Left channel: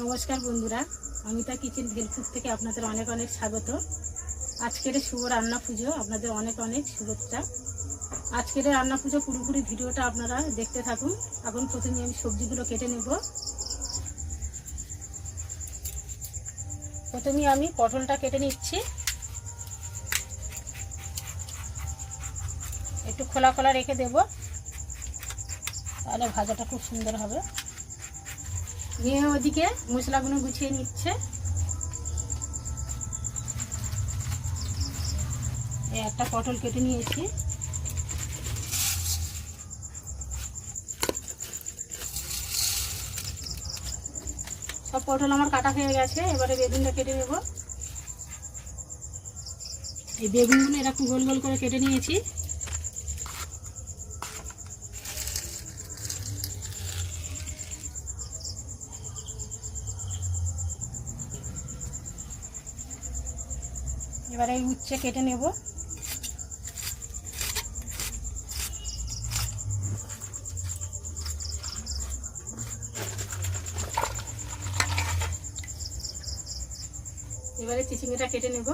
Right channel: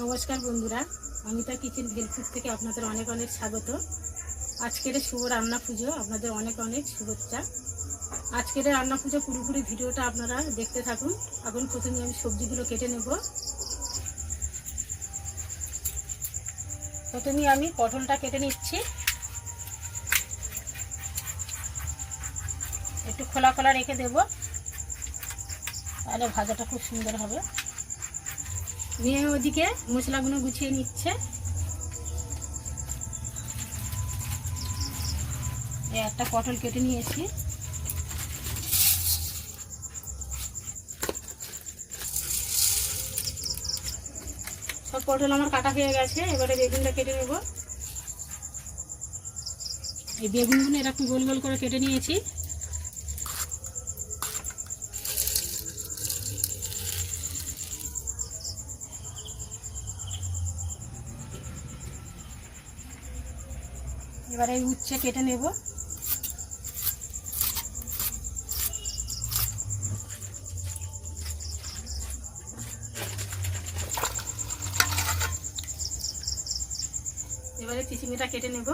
নমস্কার বন্ধুরা, অমিতা কিচেন ভেলফুড থেকে আপনাদের অনেক অনেক স্বাগত। আজকের শুভ রান্না পুজো, আপনাদের অনেক অনেক শুভেচ্ছা। আজকের রান্না পুজো পুরোপুরি ভিডিওটা আপনারা দেখতে থাকুন। এখন প্রথমে আমি সবজিগুলো কেটে নেব। প্রথমে আমি পটলটা কেটে নিচ্ছি। একটু খোলা খোলা রেখে দেব। তাহলে ভাজাটা খুব সুন্দর হবে। নিয়ে ওদিকে মশলাগুলো গুছিয়ে নিচ্ছে। একটা পটল কেটে নিয়েছি। সব পটল আমার কাটা হয়ে গেছে, এবারে বেগুনটা কেটে নেব। এই বেগুনগুলো এরকম গোল গোল করে কেটে নিয়েছি। এবারে এই উচ্ছে কেটে নেব। এবারে চিচিংটা কেটে নেব।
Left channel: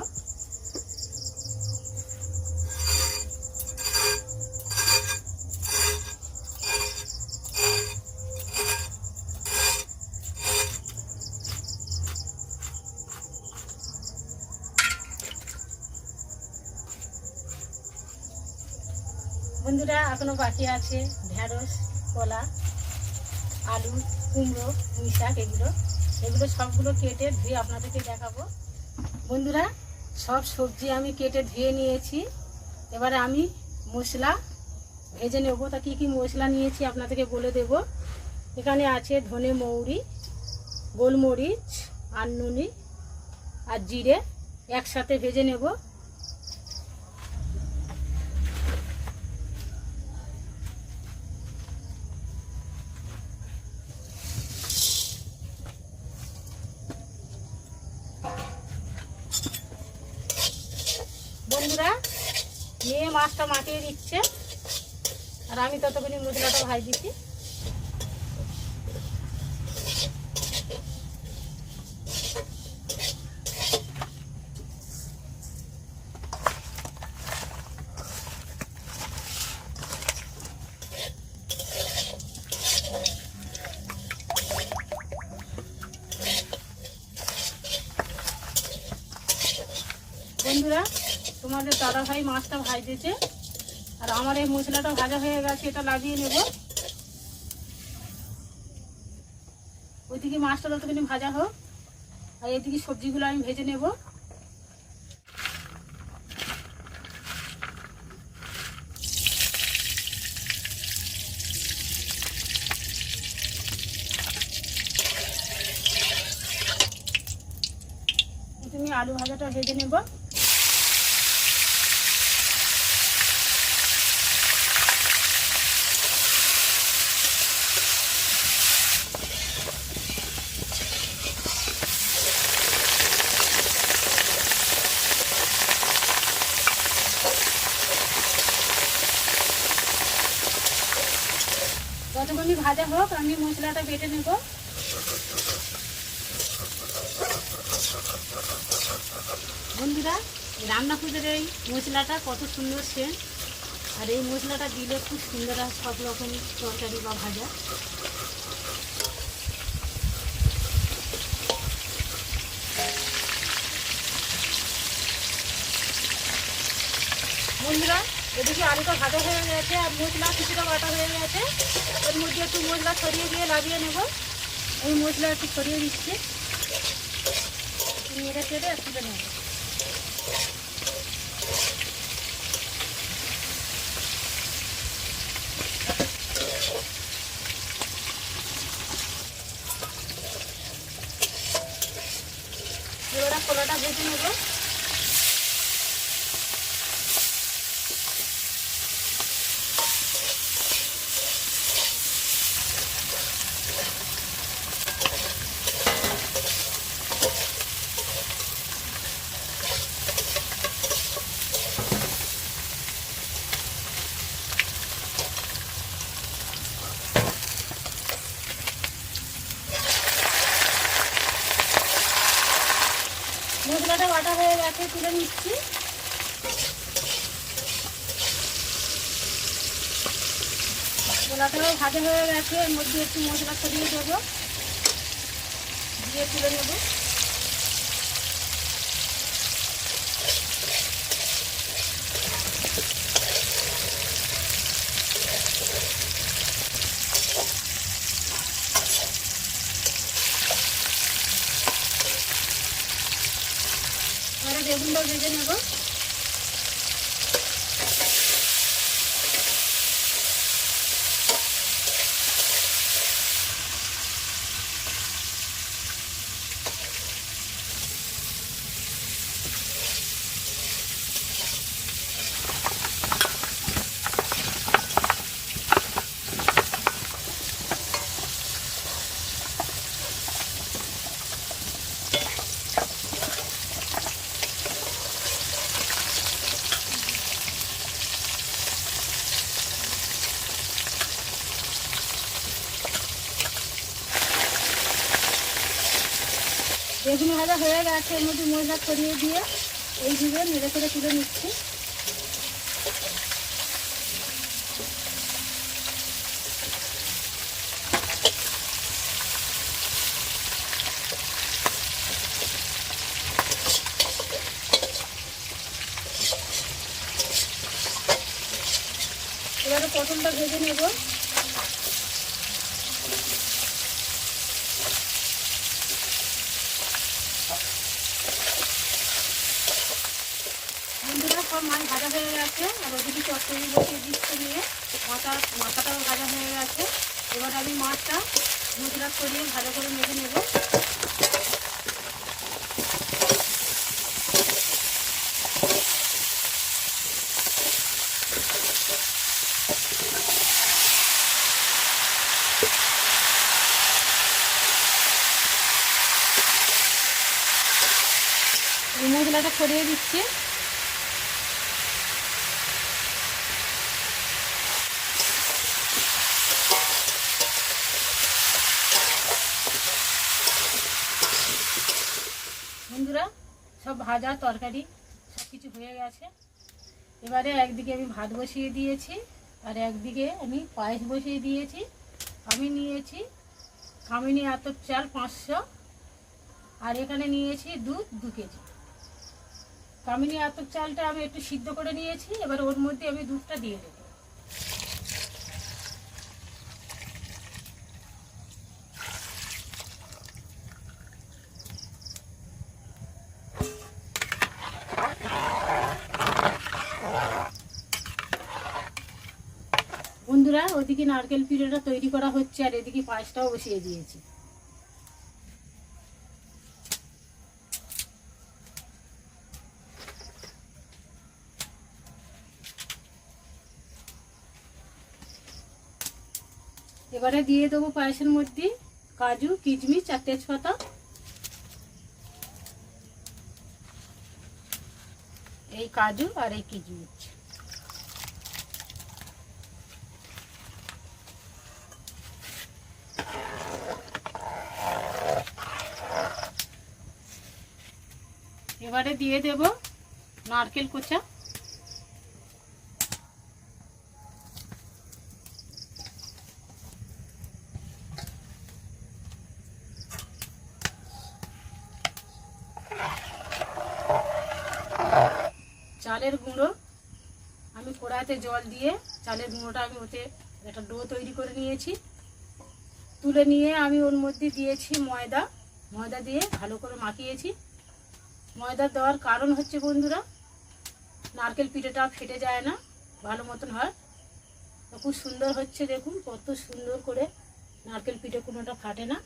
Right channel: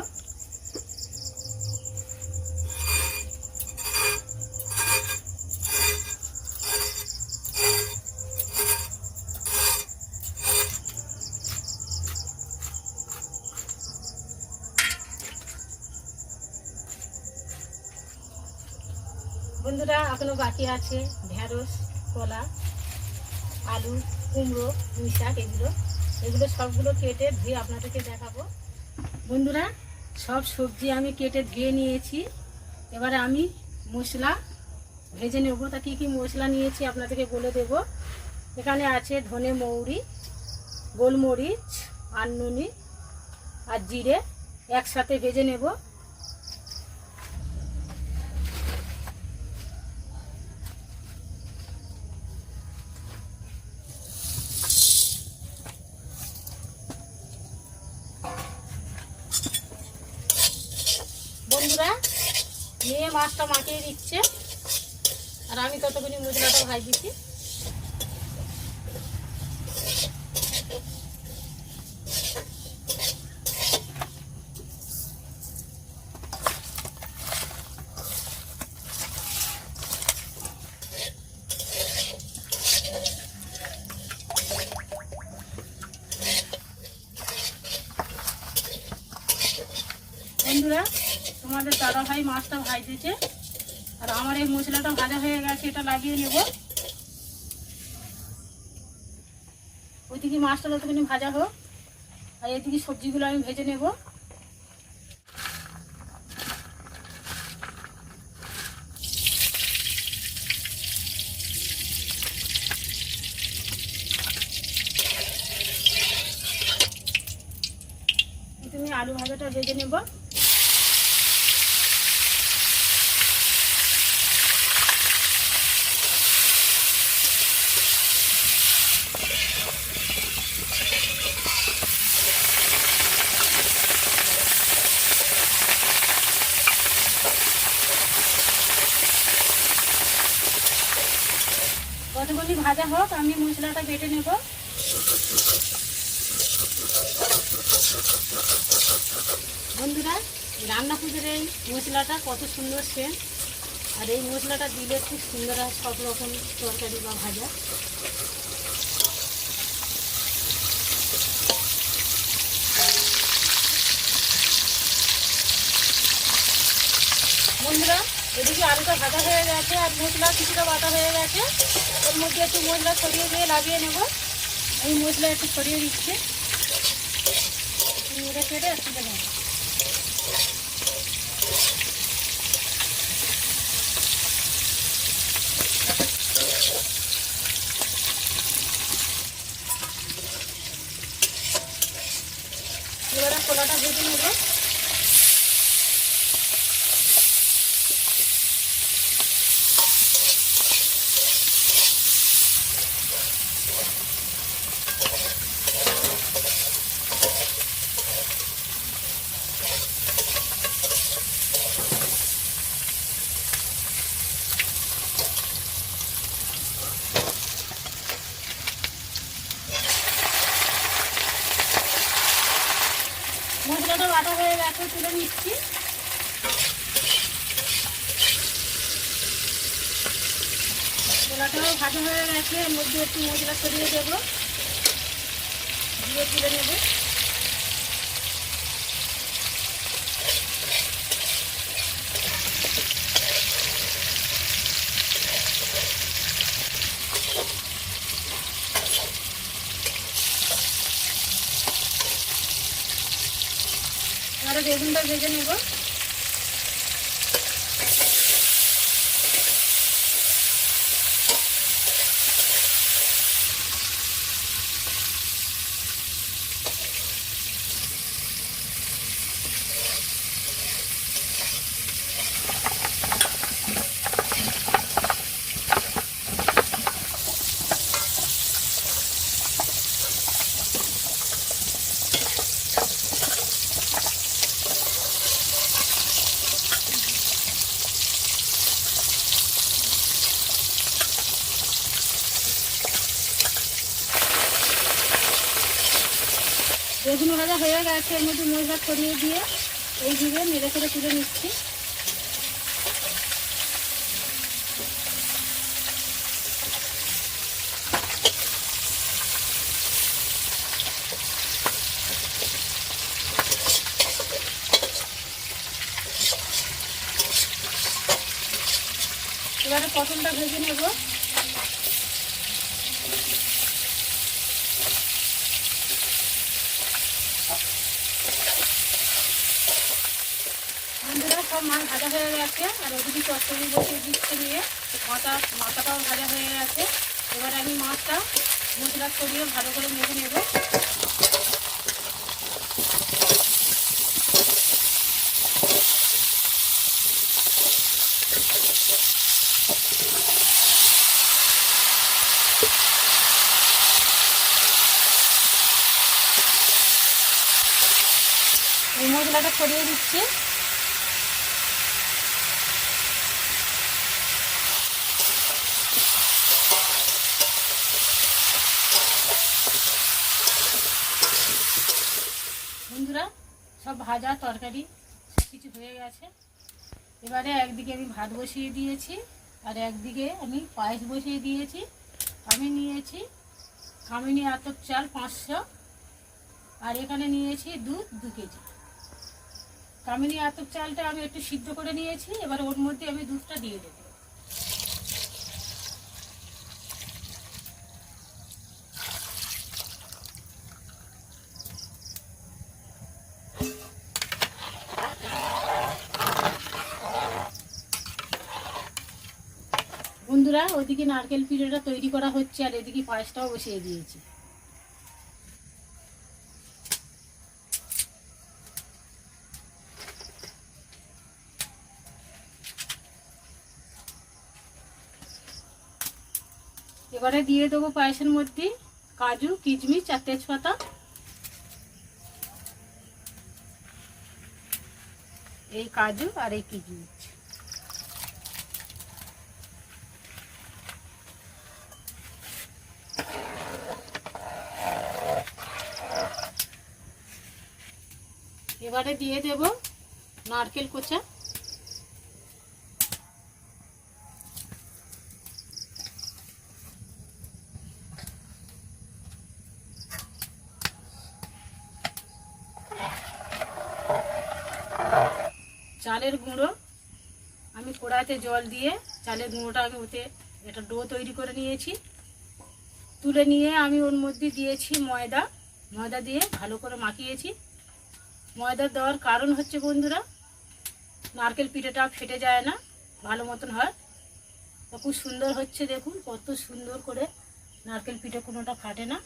বন্ধুরা, এখনও বাকি আছে ঢেঁড়স, কলা, আলু, কুমড়ো, পুঁই শাক, এগুলো। এগুলো সবগুলো কেটে ধুয়ে আপনাদেরকে দেখাবো। বন্ধুরা, সব সবজি আমি কেটে ধুয়ে নিয়েছি। এবারে আমি মশলা ভেজে নেব। তা কী কী মশলা নিয়েছি আপনাদেরকে বলে দেব। এখানে আছে ধনে মৌরি, গোলমরিচ আর নুনি আর জিরে একসাথে ভেজে নেব। বন্ধুরা মেয়ে মাছটা মাখিয়ে দিচ্ছে। আর আমি ততক্ষণি মশলাটা ভাই দিচ্ছি বন্ধুরা তোমাদের দাদা ভাই মাছটা ভাজতেছে আর আমার এই মশলাটা ভাজা হয়ে গেছে, এটা লাগিয়ে নেব। ওইদিকে মাছটা যতক্ষণ ভাজা হোক, আর এদিকে সবজিগুলো আমি ভেজে নেব। তুমি আলু ভাজাটা ভেজে নেব। যতক্ষণ ভাজা হোক, আমি মশলাটা বেটে নেব। বন্ধুরা, রান্না পুজোর এই মশলাটা কত সুন্দর সেন্ট। আর এই মশলাটা দিলে খুব সুন্দর হয়, সব রকম তরকারি বা ভাজা। বন্ধুরা এদিকে আলুটা ভাজা হয়ে গেছে আর মশলা কিছুটা বাটা হয়ে গেছে। ওর মধ্যে একটু মশলা ছড়িয়ে দিয়ে লাগিয়ে নেব। এই মশলা একটু ছড়িয়ে দিচ্ছি। নেড়ে কেটে একসাথে নেব এবারে কলাটা ভেজে নেব। গেছে, তুলে নিচ্ছি। ছোলাটাও ভাজা হয়ে গেছে, এর মধ্যে একটু মশলা ছড়িয়ে দেবো। দিয়ে তুলে নেব। এবারে বেগুনটা ভেজে নেব বেগুন ভাজা হয়ে গেছে, এর মধ্যে মশলা ছড়িয়ে দিয়ে এই দিকে নেড়ে করে তুলে নিচ্ছি। এবারে পটলটা ভেজে নেব বন্ধুরা সব মাছ ভাজা হয়ে গেছে, আর ওদিকে চচ্চড়ি বসিয়ে দিচ্ছে নিয়ে মাথা, মাথাটাও ভাজা হয়ে গেছে। এবার আমি মাছটা মশলা করিয়ে ভালো করে মেখে নেব। মশলাটা ছড়িয়ে দিচ্ছি বন্ধুরা সব ভাজা তরকারি সব কিছু হয়ে গেছে। এবারে একদিকে আমি ভাত বসিয়ে দিয়েছি, আর একদিকে আমি পায়েস বসিয়ে দিয়েছি। আমি নিয়েছি কামিনী আতপ চাল পাঁচশো, আর এখানে নিয়েছি দুধ দু কেজি। কামিনী আতপ চালটা আমি একটু সিদ্ধ করে নিয়েছি, এবার ওর মধ্যে আমি দুধটা দিয়ে দেবো। বন্ধুরা, ওইদিকে নারকেল পিঠেটা তৈরি করা হচ্ছে আর এদিকে পায়েসটাও বসিয়ে দিয়েছি। এবারে দিয়ে দেবো পায়েসের মধ্যে কাজু, কিশমিশ আর তেজপাতা। এই কাজু আর এই কিশমিশ। এবারে দিয়ে দেব নারকেল কোচা। চালের গুঁড়ো। আমি কড়াইতে জল দিয়ে চালের গুঁড়োটা আমি ওতে একটা ডো তৈরি করে নিয়েছি। তুলে নিয়ে আমি ওর মধ্যে দিয়েছি ময়দা। ময়দা দিয়ে ভালো করে মাখিয়েছি। ময়দা দেওয়ার কারণ হচ্ছে বন্ধুরা, নারকেল পিঠেটা ফেটে যায় না, ভালো মতন হয়। খুব সুন্দর হচ্ছে দেখুন, কত সুন্দর করে নারকেল পিঠে কোনোটা ফাটে না।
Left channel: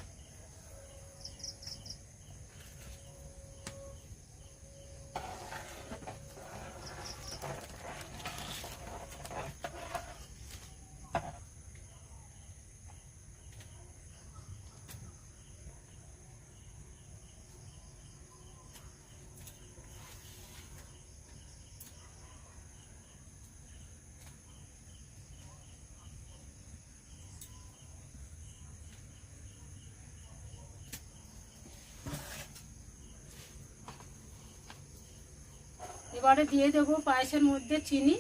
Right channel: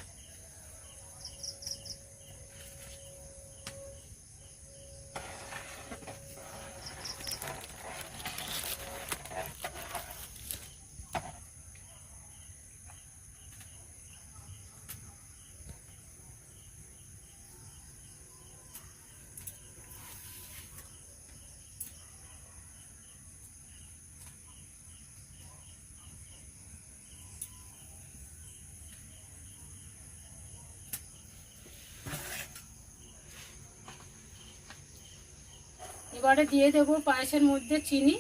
এবারে দিয়ে দেবো পায়েসের মধ্যে চিনি,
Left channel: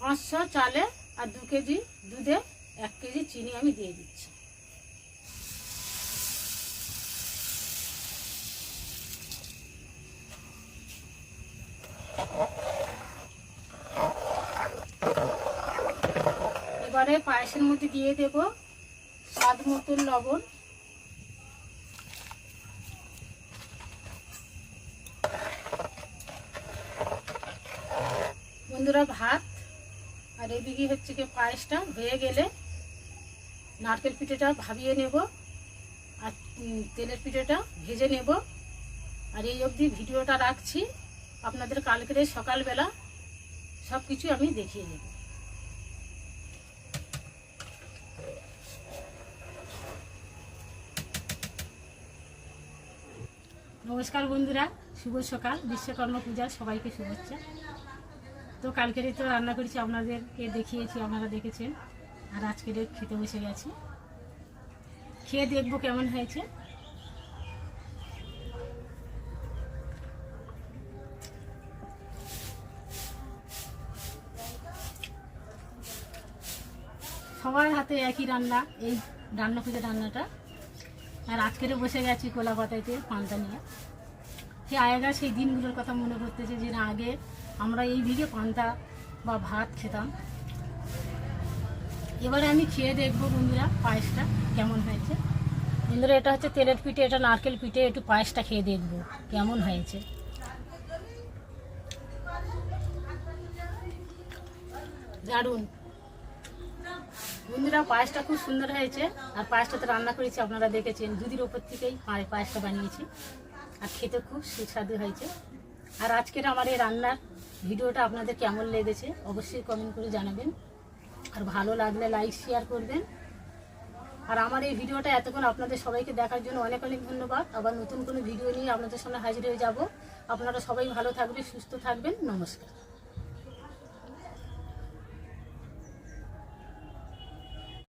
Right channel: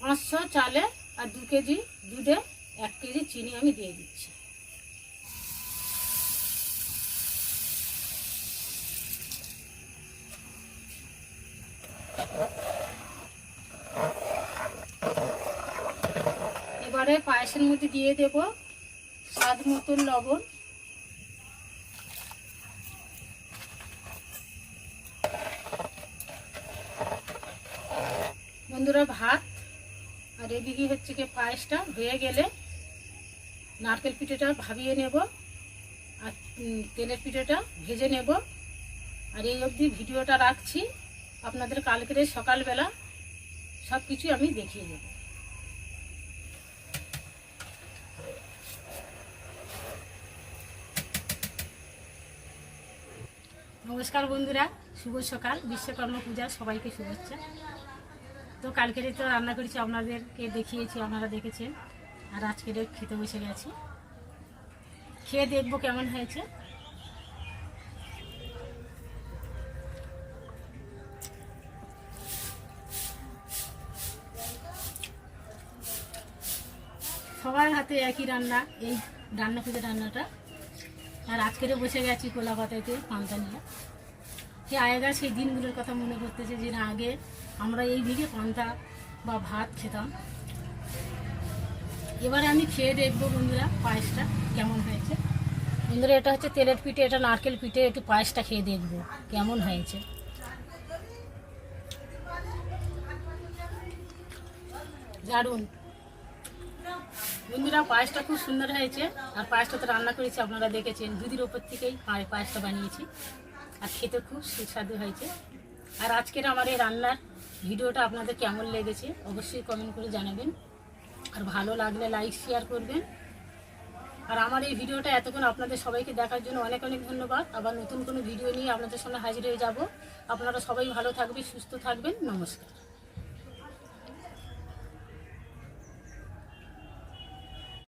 পাঁচশো চালে আর দু কেজি দুধে এক কেজি চিনি আমি দিয়ে দিচ্ছি। এবারে পায়েসের মধ্যে দিয়ে দেব স্বাদ মতন লবণ বন্ধুরা ভাত, আর এদিকে হচ্ছে কি পায়েসটা হয়ে গেলে নারকেল পিঠেটা ভাবিয়ে নেব, আর তেলের পিঠেটা ভেজে নেব। আর এই অবধি ভিডিওটা রাখছি, আপনাদের কালকের সকালবেলা সব কিছু আমি দেখিয়ে দেবো। নমস্কার বন্ধুরা, শুভ সকাল, বিশ্বকর্মা পূজা সবাইকে শুভেচ্ছা। তো কালকেরে তো রান্না করেছি, আপনাদেরকে দেখিয়েছি, আপনারা দেখেছেন। আর আজকের খেতে বসে গেছি। খেয়ে দেখব কেমন হয়েছে। সবার হাতে একই রান্না, এই রান্না খুঁজে রান্নাটা। আর আজকেরে বসে গেছি কোলাপাতাইতে পান্তা নিয়ে। সে আগেকার সেই দিনগুলোর কথা মনে করতেছে যে না, আগে আমরা এই দিকে পান্তা বা ভাত খেতাম। এবারে আমি খেয়ে দেখব বন্ধুরা পায়েসটা কেমন হয়েছে। বন্ধুরা, এটা হচ্ছে তেলের পিঠে, এটা নারকেল পিঠে, একটু পায়েসটা খেয়ে দেখব কেমন হয়েছে। দারুণ। বন্ধুরা, পায়েসটা খুব সুন্দর হয়েছে। আর পায়েসটা তো রান্না করেছি, আপনারা দেখেছেন দুধের ওপর থেকেই পায়ে- পায়েসটা বানিয়েছি। আর খেতে খুব সুস্বাদু হয়েছে। আর আজকের আমার এই রান্নার ভিডিওটা আপনাদের কেমন লেগেছে অবশ্যই কমেন্ট করে জানাবেন। আর ভালো লাগলে লাইক শেয়ার করবেন। আর আমার এই ভিডিওটা এতক্ষণ আপনাদের সবাইকে দেখার জন্য অনেক অনেক ধন্যবাদ। আবার নতুন কোনো ভিডিও নিয়ে আপনাদের সামনে হাজির হয়ে যাব। আপনারা সবাই ভালো থাকবে সুস্থ থাকবেন। নমস্কার।